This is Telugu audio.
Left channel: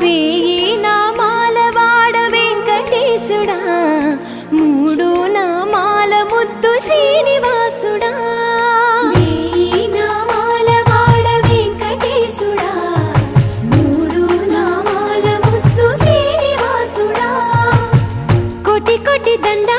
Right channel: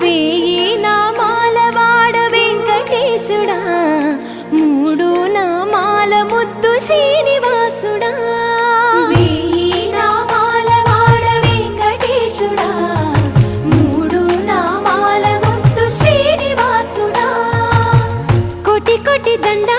వేయి నామాల వాడ వెంకటేశుడా, మూడు నామాల ముద్దు శ్రీనివాసుడా. వేయి నామాల వాడ వెంకటేశుడా, మూడు నామాల ముద్దు శ్రీనివాసుడా. కోటి కోటి దండా